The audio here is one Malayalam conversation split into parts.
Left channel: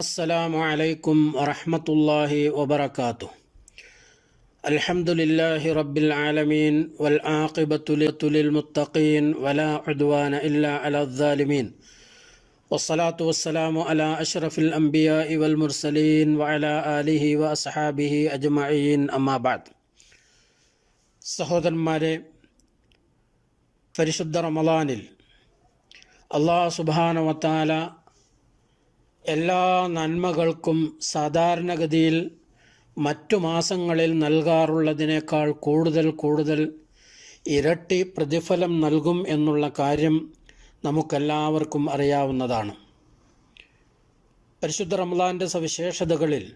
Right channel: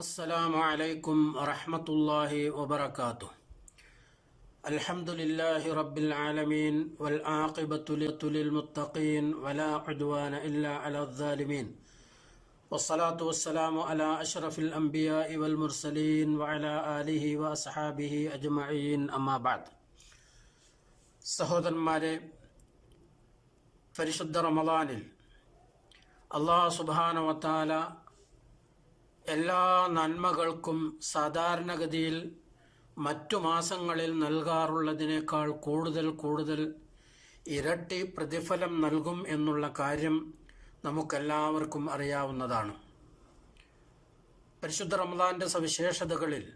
السلام عليكم ورحمة الله وبركاته. الحمد لله رب العالمين والعاقبة للمتقين ولا عدوان إلا على الظالمين. والصلاة والسلام على أشرف الأنبياء والمرسلين وعلى آله وأصحابه أجمعين. أما بعد سهودن المالي فرشد رمضان الله سبحانه وتعالى എല്ലാ നന്മകൾക്കും സാധാരണഗതിയിൽ മറ്റു മാസങ്ങളിൽ നൽകാറുള്ളതിനേക്കാൾ കൂടുതൽ കൂടുതൽ ഇരട്ടി പ്രതിഫലം നൽകും എന്നുള്ള കാര്യം നമുക്കെല്ലാവർക്കും അറിയാവുന്നതാണ്. പരിശുദ്ധ റമദാന്റെ സവിശേഷതകളിൽ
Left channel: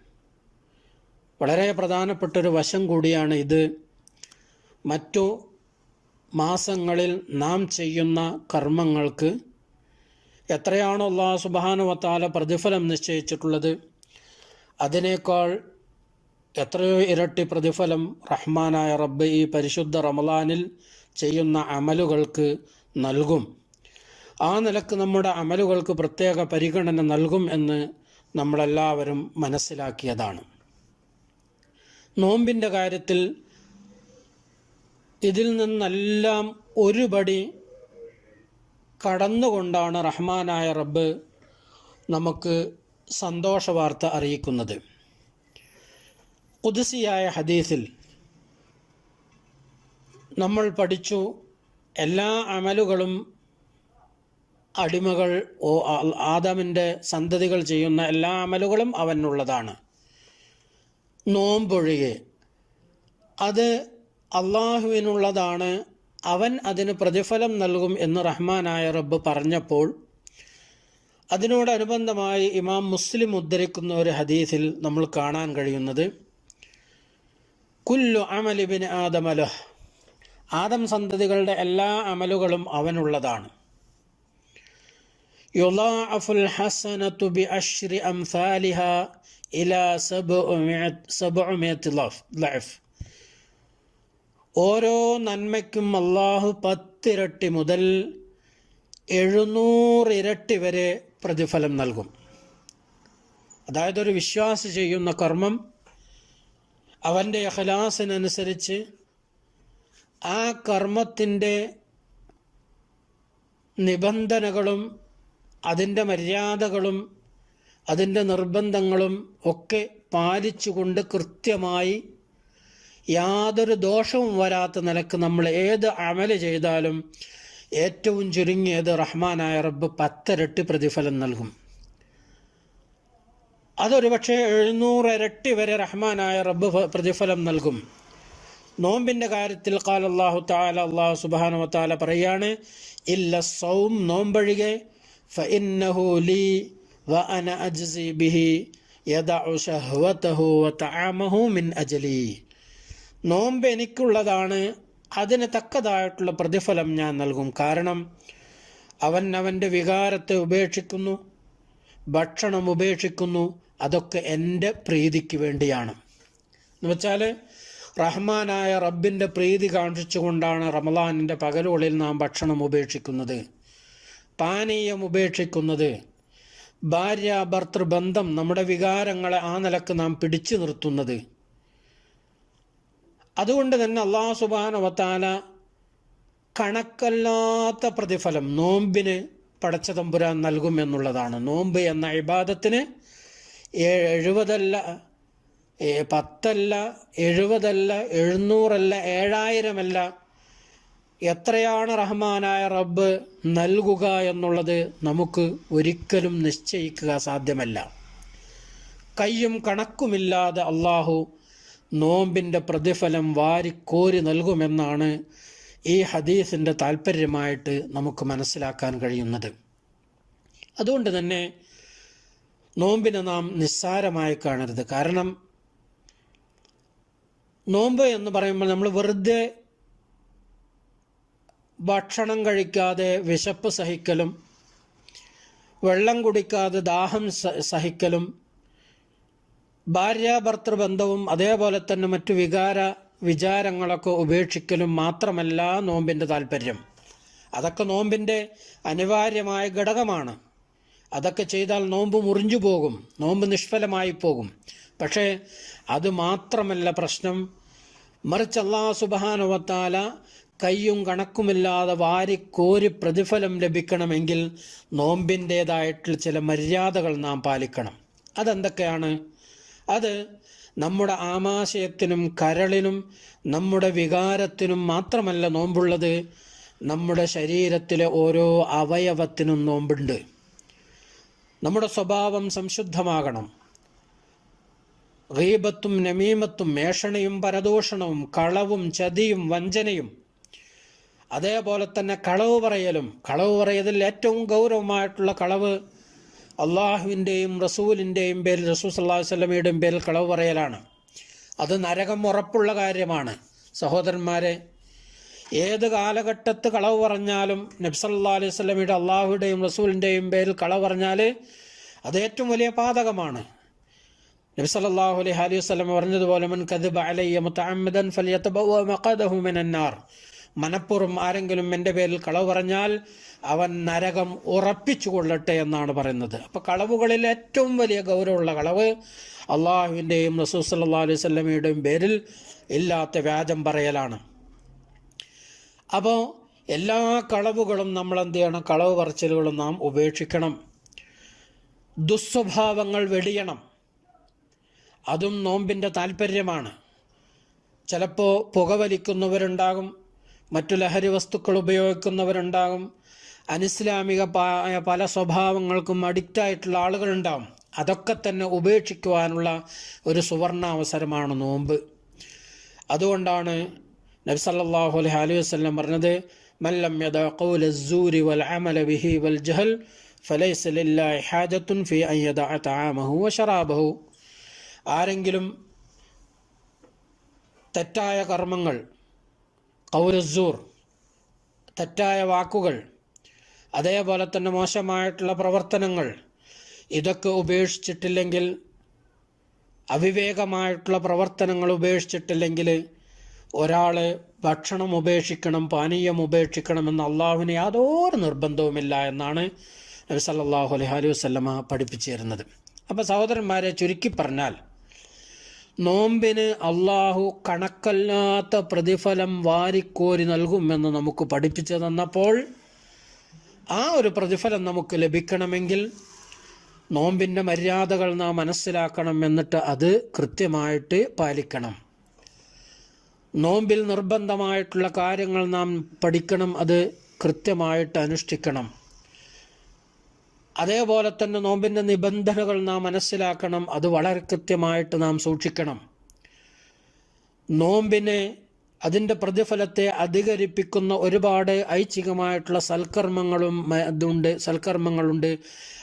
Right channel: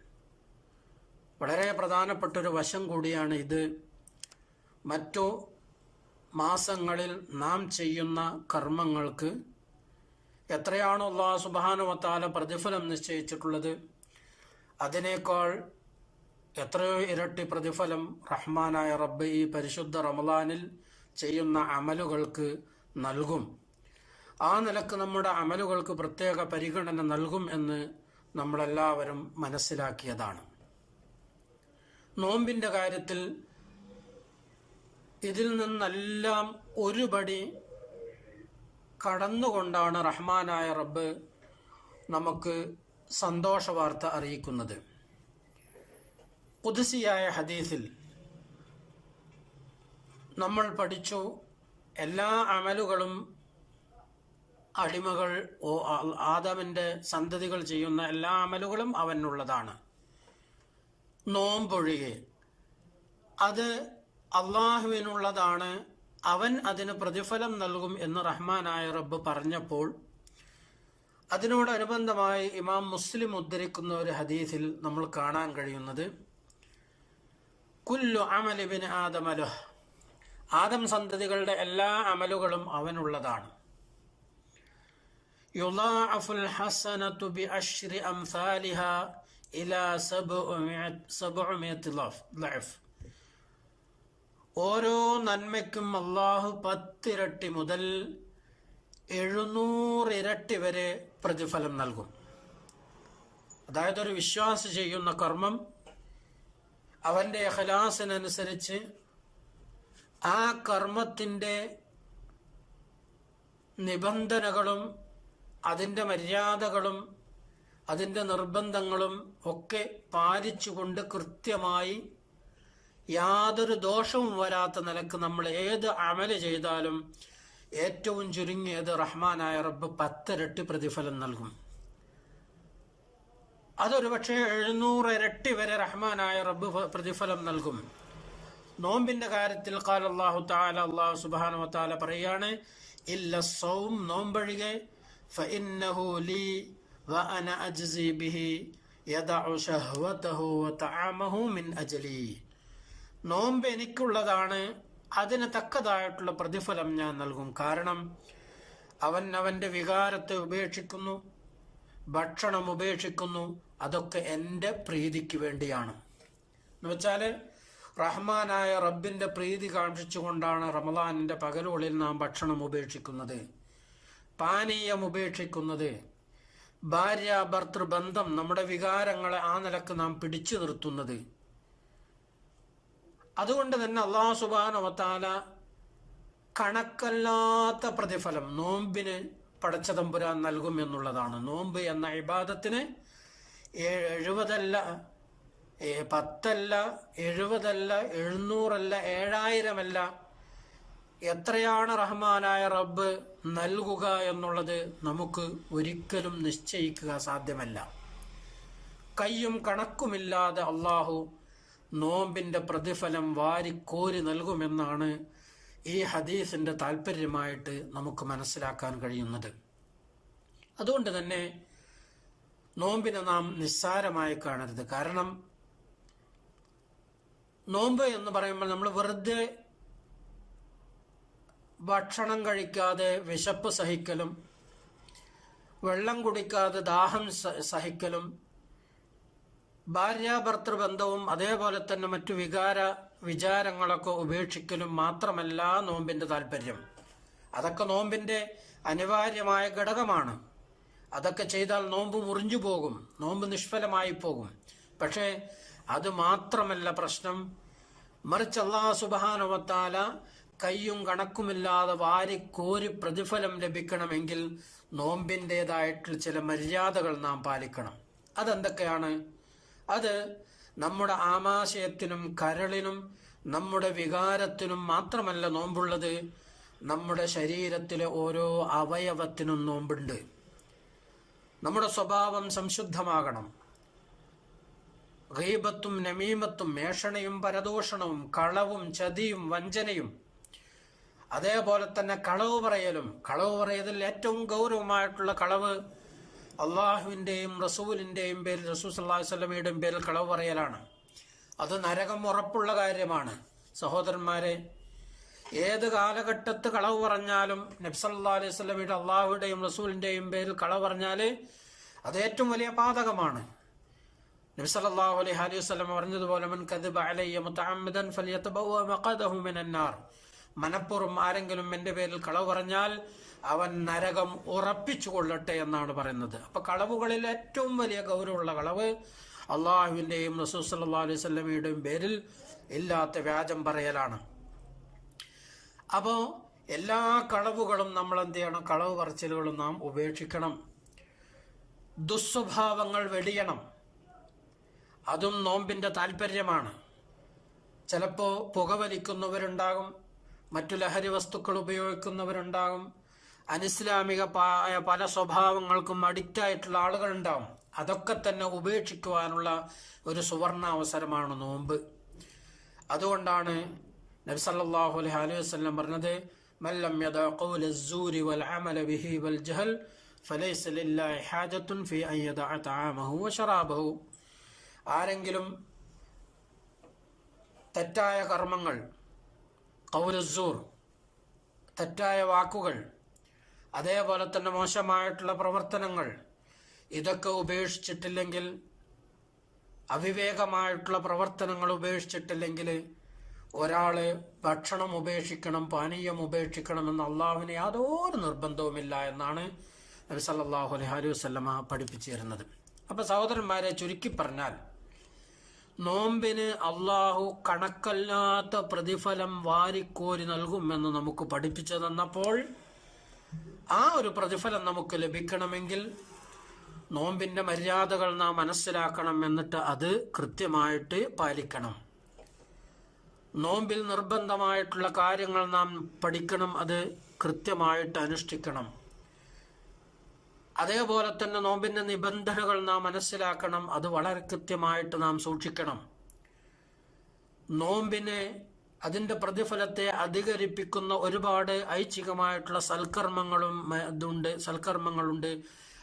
വളരെ പ്രധാനപ്പെട്ടൊരു വശം കൂടിയാണ് ഇത്. മറ്റു മാസങ്ങളിൽ നാം ചെയ്യുന്ന കർമ്മങ്ങൾക്ക് എത്രയാണോ അള്ളാഹ് സുബാനുവത്താല പ്രതിഫലം നിശ്ചയിച്ചിട്ടുള്ളത് അതിനേക്കാൾ എത്രയോ ഇരട്ടി പ്രതിഫലം റഹ്മാനായ റബ്ബ് ഈ പരിശുദ്ധ റമലാനിൽ ചെയ്യുന്ന അമലുകൾക്ക് നൽകും. ആ നിലയ്ക്ക് നമ്മുടെ അമലുകൾക്ക് പ്രത്യേക പരിഗണന നൽകും എന്ന് നമ്മളെല്ലാവരും മനസ്സിലാക്കിയതാണ്. നോമ്പിന്റെ കാര്യത്തിൽ ഇതിൽ നിന്നെല്ലാം ഒരുപടി കടന്നുകൊണ്ടാണ് റഹ്മാനായ റബ്ബ് നമുക്ക് സന്തോഷ വാർത്ത അറിയിക്കുന്നത്. കുതിസിയായ ഹദീസിൽ നമ്മൾ പഠിച്ചു എല്ലാ അമലുകളും അടിമകൾ ഓ ആദമിന്റെ സന്തതികൾ ചെയ്യുന്ന എല്ലാ അമലുകളും അവനുള്ളതാണ്. നോമ്പൊഴികെ. അത് അള്ളാഹുവിനുള്ളതാണ് അവൻ അതിന് പ്രതിഫലം നൽകും എന്ന് റഹ്മാനായ റബ്ബ് പറഞ്ഞപ്പോൾ അതിനോടനുബന്ധമായി ഇമാം മുസ്ലിം ഉദ്ധരിക്കുന്ന ഒരു ഹദീസിൽ നമ്മൾ കാണാൻ കഴിയുന്നത് കുല്ലു അമലിബിൻ ആദമല ആദം സന്തതികളുടെ എല്ലാ അമലുകളും അവനുള്ളതാണ്. യുലാഅഫുൽ ഹസനത്തു ബി അഷ്രി അംസാലിഹ ഇലാ സബുഅമിയത്ത് ലഫ്. ഓരോ നന്മയ്ക്കും അള്ളാഹു പത്തിരട്ടി മുതൽ എഴുന്നൂറിരട്ടി വരെ പ്രതിഫലം നൽകും. അതായത് ഒരു വിശ്വാസി ചെയ്യുന്ന കർമ്മം അവന്റെ അഹലാസിനനുസരിച്ച് ആ കർമ്മത്തിന്റെ നിബന്ധനകളും അതിന്റെ മര്യാദകളും അതിന്റെ നിർബന്ധങ്ങളും ഒക്കെ പാലിച്ചുകൊണ്ട് കൃത്യമായി യാതൊരു ദോഷവും വരാത്ത നിലയ്ക്ക് നമ്മൾ ഏത് അമൽ ചെയ്താലും ഏറ്റവും ചുരുങ്ങിയത് റഹ്മാനായ റബ്ബ് പത്തിരട്ടി പ്രതിഫലം നൽകും. അതൊരു പക്ഷേ എഴുന്നൂറ് ഇരട്ടി വരെ റഹ്മാനായ റബ്ബ് പ്രതിഫലം നൽകും. നോമ്പിന്റെ കാര്യത്തിൽ കാൽ അള്ളാഹു താല അള്ളാഹു സുബാനു താല പറയാണ് ഇല്ല സൗം നോമ്പഴികെ ഫഇന്നഹു ലീ വ അന അജ്സി ബിഹി യദഉ വ തആമഹു മിൻ നോമ്പ് എനിക്കുള്ളതാണ് അതിന് തക്കതായിട്ടുള്ള പ്രതിഫലം ഞാൻ നൽകും. കാരണം അവൻ അവന്റെ വികാരത്തെ ഉപേക്ഷിക്കുന്നു ഭക്ഷണം ഉപേക്ഷിക്കുന്നു അതൊക്കെ എന്റെ പ്രീതിക്ക് വേണ്ടിയാണ്. എന്ന് വെച്ചാൽ റഹ്മാനായ റബ്ബിന്റെ പ്രീതി കാണിച്ചുകൊണ്ടാണ് റമലാനിന്റെ പകലുകളിൽ നാം ഭക്ഷണം ഉപേക്ഷിക്കുന്നത് പാനീയം ഉപേക്ഷിക്കുന്നത്. ഭാര്യ ഭർത്തൃബന്ധം നമ്മുടെ വികാരങ്ങളെ ആ നിലയ്ക്ക് നാം പിടിച്ചു നിർത്തുന്നത്. അതുകൊണ്ട് തന്നെ അള്ളാഹു സുബാനവത്താല കണക്കല്ലാത്ത പ്രതിഫലം നോമ്പിന് പടച്ച തമ്പുരാൻ നൽകും എന്നുള്ളതാണ്. നോമ്പ് എന്ന ഇബാദത്തിന് എഴുപതല്ല പത്തല്ല എഴുപതല്ല എഴുന്നൂറല്ല ഏഴായിരമല്ല എത്രയാണ് റഹ്മാനായ റബ്ബ് നൽകുക എന്നുള്ളത് നമുക്ക് ഒരിക്കലും നിശ്ചയിക്കുക സാധ്യമല്ല. കയ്യും കണക്കുമില്ലാതെ അള്ളാഹു നോമ്പിന്റെ പ്രതിഫലം വാരിക്കോരി നൽകുമെന്നാണ് ഈ ഹദീസിന്റെ താല്പര്യമായിട്ട് നമുക്ക് മനസ്സിലാക്കാൻ കഴിയുന്നത്. അതുകൊണ്ട് തന്നെ നോമ്പിനെ നാം നിസ്സാരമായി കാണരുത്. കാരണം നോമ്പ് എന്ന് പറയുമ്പോൾ നമ്മൾ വെറുതെ ഭക്ഷണം കഴിക്കാതെ വിശപ്പ് സഹിക്കലും വെള്ളം കുടിക്കാതെ ദാഹം സഹിക്കലും ഭാര്യാഭർത്തൃ ബന്ധവും അതേപോലെ തന്നെ മറ്റു വികാര വിചാരങ്ങളൊക്കെ ഉപേക്ഷിക്കലും മാത്രമല്ല നോമ്പിന്റെ താല്പര്യം. അതൊക്കെ നോമ്പിന്റെ അനിവാര്യമായ ഘടകമാണ്. അതൊക്കെ ചെയ്താൽ നോമ്പ് മുറിഞ്ഞു പോകും നോമ്പ് നിഷ്ഫലമായി പോകും. പക്ഷേ അത് മാത്രമല്ല പ്രശ്നം. മറിച്ച് അള്ളാഹു സുബാനുവത്താല കയ്യും കണക്കുമില്ലാതെ വാരിക്കോരി പ്രതിഫലം ലഭിക്കണമെങ്കിൽ നോമ്പിന്റേതായിട്ടുള്ള ചില മര്യാദകൾ നാം പാലിക്കണം. അതെന്തൊക്കെയാണ്? അത് നമ്മുടെ ആമാശയത്തിനും കരളിനും നമ്മുടെ വികാരത്തിനും മാത്രമല്ല നോമ്പുള്ളത്. നമ്മുടെ ശരീരത്തിലെ ഓരോ അവയവത്തിനും നോമ്പുണ്ട്. നമ്മുടെ സ്വഭാവം സംശുദ്ധമാകണം. ഗീബത്തും നമീമത്തും മേഷണയും പരദൂഷണവും കളവും ചതിയും വഞ്ചനയും അതേപോലെ തന്നെ കളവ് പറയലും. കളവ് പറയതിൽ ഏറ്റവും ഗൗരവമായിട്ടുള്ള കളവ് അള്ളാഹുവിന്റെയും റസൂലിന്റെയും പേരിൽ റസൂൽ സല്ലാഹു വല്ലമയുടെയും പേരിൽ കളവ് പറയലാണ്. അത് നരകം ഉറപ്പുള്ള കാര്യമാണ്. സഹോദരന്മാരെ ഏത് കാലഘട്ടത്ത് കളവ് പറഞ്ഞാലും നബ്സല്ലാ അലൈഹി സ്വലമിയുടെ അള്ളാഹുവിന്റെയും റസൂലിന്റെയും പേരിൽ കളവ് പറഞ്ഞാൽ അത് ഏറ്റവും വലിയ പാതകമാണ്. നബ്സല്ലാഹു അലൈഹി അലൈഹി വസ്ലം പറഞ്ഞതുപോലെ മൻ കദിബ അലയ്യ മുത്തഅമ്മദൻ ഫലിയതബവ മഖദഹു മിനൻ മനപ്പുറം ആരെങ്കിലും എന്റെ പേരിൽ കളവ് പറഞ്ഞാൽ അവൻ നരകം ഉറപ്പിച്ചു കൊള്ളട്ടെ എന്നാണ് പറയുന്നത്. അപ്പോൾ കളവുകളിൽ ഏറ്റവും വലിയ ഗൗരവമുള്ള കളവ് അള്ളാഹുവിന്റെയും റസൂൽ സല്ലല്ലാഹു അലൈഹി സ്വലമയുടെയും പേരിൽ ഇല്ലാത്ത വ്യാജം പറയലാണ്. അപ്പോൾ എല്ലാ കളവുകളും നമ്മൾ എന്ത് ചെയ്യണം? കളവ് പറച്ചിലുകളും നാം ഉപേക്ഷിക്കണം. ദുസ്വഭാവങ്ങൾ വെടിയണം. അതും നോമ്പിന്റെ താല്പര്യമാണ് ചിലപ്പോൾ പുകവലിക്കുന്നവരുണ്ടാകും. മറ്റു ലഹരി വസ്തുക്കൾ ഉപയോഗിക്കുന്നവരുണ്ടാകും അനിസ്ലാമിക പല സ്വഭാവങ്ങൾക്കും അഡിക്റ്റായിട്ടുള്ള ആളുകളുണ്ടാകും അതൊക്കെ തന്നെ ഉപേക്ഷിക്കുവാനുള്ള ഒരു സുവർണ അവസരമാണ് നോമ്പ്. അതുകൊണ്ടാണ് നബി അലഹി അലൈഹി വസ്ലം പറഞ്ഞത് മല്ലം വൽ അമല ബിഹി ജഹൽ ഫലൈസ ലില്ലാഹി ഫി ആരെങ്കിലും തെറ്റായ കർമ്മങ്ങൾ കൗരസൂർ തെറ്റായ വാക്കുകൾ അതേപോലെ തന്നെ മോശമായിട്ടുള്ള പ്രവർത്തനങ്ങൾ ഇതൊക്കെ ഉപേക്ഷിച്ചിട്ടില്ലെങ്കിൽ അവിവേകമായിട്ടുള്ള പ്രവർത്തനങ്ങൾ ഉപേക്ഷിച്ചിട്ടില്ലെങ്കിൽ ഒരാൾ ഭക്ഷണം ഉപേക്ഷിക്കണം പാനീയം ഉപേക്ഷിക്കണമെന്ന് അള്ളാഹുവിന് യാതൊരു നിർബന്ധവുമില്ല എന്നാണ് നബി സല്ലാഹു അലൈഹി അലൈഹി വസല്ലമ പഠിപ്പിച്ചു തരുന്നത് അപ്പോൾ സഹോദരന്മാരെ ചുരുക്കി പറഞ്ഞാൽ നോമ്പിന് അള്ളാഹു കണക്കല്ലാത്ത പ്രതിഫലം വാരിക്കോരി നൽകുമെന്ന് നമുക്ക് പഠിപ്പിച്ചു തന്നപ്പോൾ ആ ഒരു പ്രതിഫലം നമുക്ക് ലഭിക്കണമെങ്കിൽ നോമ്പിന്റെ മര്യാദകൾ നാം മനസ്സിലാക്കണം എന്നിട്ട് അത് കൃത്യമായിട്ട് പാലിക്കണം. നോമ്പിൽ നിർബന്ധമായിട്ടുള്ള കാര്യങ്ങൾ നാം പഠിക്കണം അത് കൃത്യമായിട്ട് അനുഷ്ഠിക്കണം. അതേപോലെ തന്നെ നോമ്പിന്റെ നിബന്ധനകൾ നാം മനസ്സിലാക്കണം. അത് വളരെ കൃത്യമായിട്ട് നാം സൂക്ഷിക്കണം. നോമ്പിനെ അതിന്റെ പ്രതിഫലത്തെ അധികരിപ്പിക്കുന്ന ഒരുപാട് ഐച്ഛികമായിട്ടുള്ള സൽക്കർമ്മങ്ങളും ഇതുണ്ട് സൽക്കർമ്മങ്ങളുണ്ട്.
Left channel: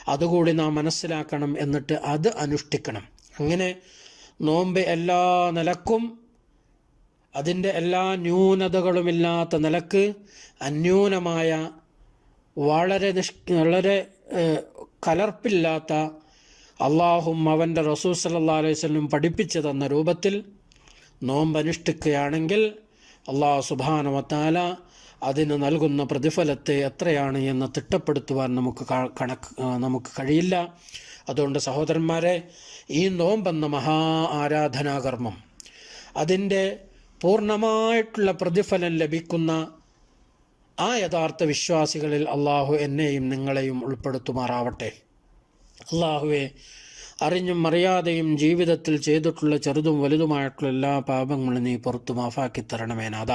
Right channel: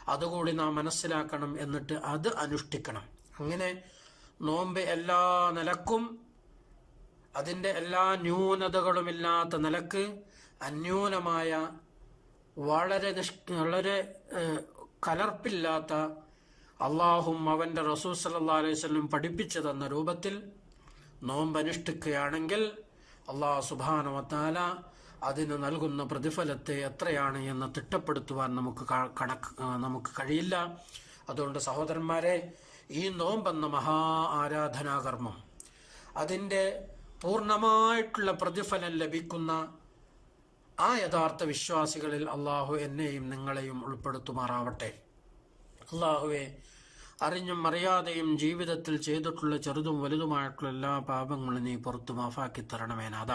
അതുകൂടി നാം മനസ്സിലാക്കണം എന്നിട്ട് അത് അനുഷ്ഠിക്കണം. അങ്ങനെ നോമ്പ് എല്ലാ നിലക്കും അതിന്റെ എല്ലാ ന്യൂനതകളുമില്ലാത്ത നിലയ്ക്ക് അന്യൂനമായ വളരെ നിഷ് വളരെ കലർപ്പില്ലാത്ത അള്ളാഹും അവന്റെ റസൂൽ സല്ലാ അലൈഹി സ്വലം പഠിപ്പിച്ചു തന്ന രൂപത്തിൽ നോമ്പ് അനുഷ്ഠിക്കുകയാണെങ്കിൽ അള്ളാഹു സുബാനവത്താല അതിന് നൽകുന്ന പ്രതിഫലത്തെ എത്രയാണ് എന്ന് തിട്ടപ്പെടുത്തുവാൻ നമുക്ക് കണക്ക് നമുക്ക് കഴിയില്ല. അതുകൊണ്ട് സഹോദരന്മാരെ ഈ നോമ്പെന്ന മഹാ ആരാധനാകർമ്മം അതിന്റെ പൂർണമായിട്ടുള്ള പ്രതിഫലം ലഭിക്കുന്ന ആ യഥാർത്ഥ വിശ്വാസികളിൽ അള്ളാഹു എന്നെയും നിങ്ങളെയും ഉൾപ്പെടുത്തുമാറാവട്ടെ. അള്ളാഹുവെ അറിഞ്ഞും അറിയാതെയും ജീവിതത്തിൽ ചെയ്തിട്ടുള്ള ചെറുതും വലുതുമായിട്ടുള്ള എല്ലാ പാപങ്ങളും നീ പുറത്തു മാഫാക്കി തരണമേ നാഥ.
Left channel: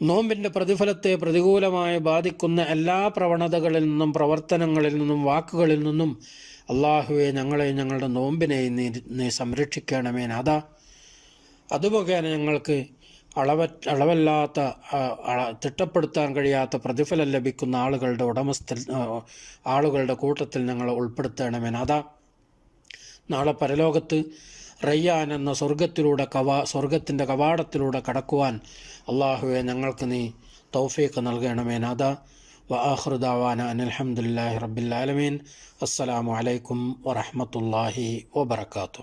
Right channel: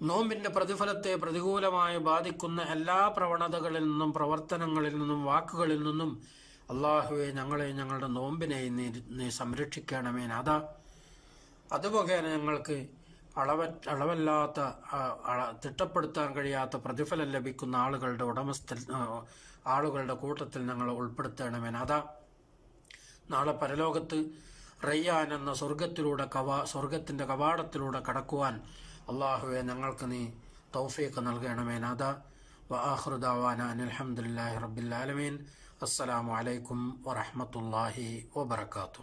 നോമ്പിന്റെ പ്രതിഫലത്തെ പ്രതികൂലമായി ബാധിക്കുന്ന എല്ലാ പ്രവണതകളിൽ നിന്നും പ്രവർത്തനങ്ങളിൽ നിന്നും വാക്കുകളിൽ നിന്നും അള്ളാഹുവെ ഞങ്ങളെ ഞങ്ങളുടെ നോമ്പിനെ നീ നീ സംരക്ഷിക്കണമേ അതുമുഖേന ഞങ്ങൾക്ക് അളവ അളവല്ലാത്ത തിട്ടപ്പെടുത്താൻ കഴിയാത്ത പ്രതിഫലം ലഭിക്കുന്ന ആളുകളുടെ ഉടമസ്ഥ ആളുകളുടെ കൂട്ടത്തിൽ ഞങ്ങൾ ഉൾപ്പെടുത്തണമേ അതാ നാളെ പരലോകത്ത് റയ്യാൻ എന്ന സ്വർഗത്തിലൂടെ കവാ സ്വർഗത്തിന്റെ കവാടത്തിലൂടെ കടക്കുവാൻ അള്ളാഹുവെ ഞങ്ങൾക്ക് നീ തൗഫീഖ് നൽകണമേ അതാ വഹൃദാവാന അനിൽഹമുല്ലാഹി റബ്ബിൽ ആലമീൻ. അസ്സലാമു അലൈക്കും വറഹമത്തല്ലാഹി വബർക്കാത്തു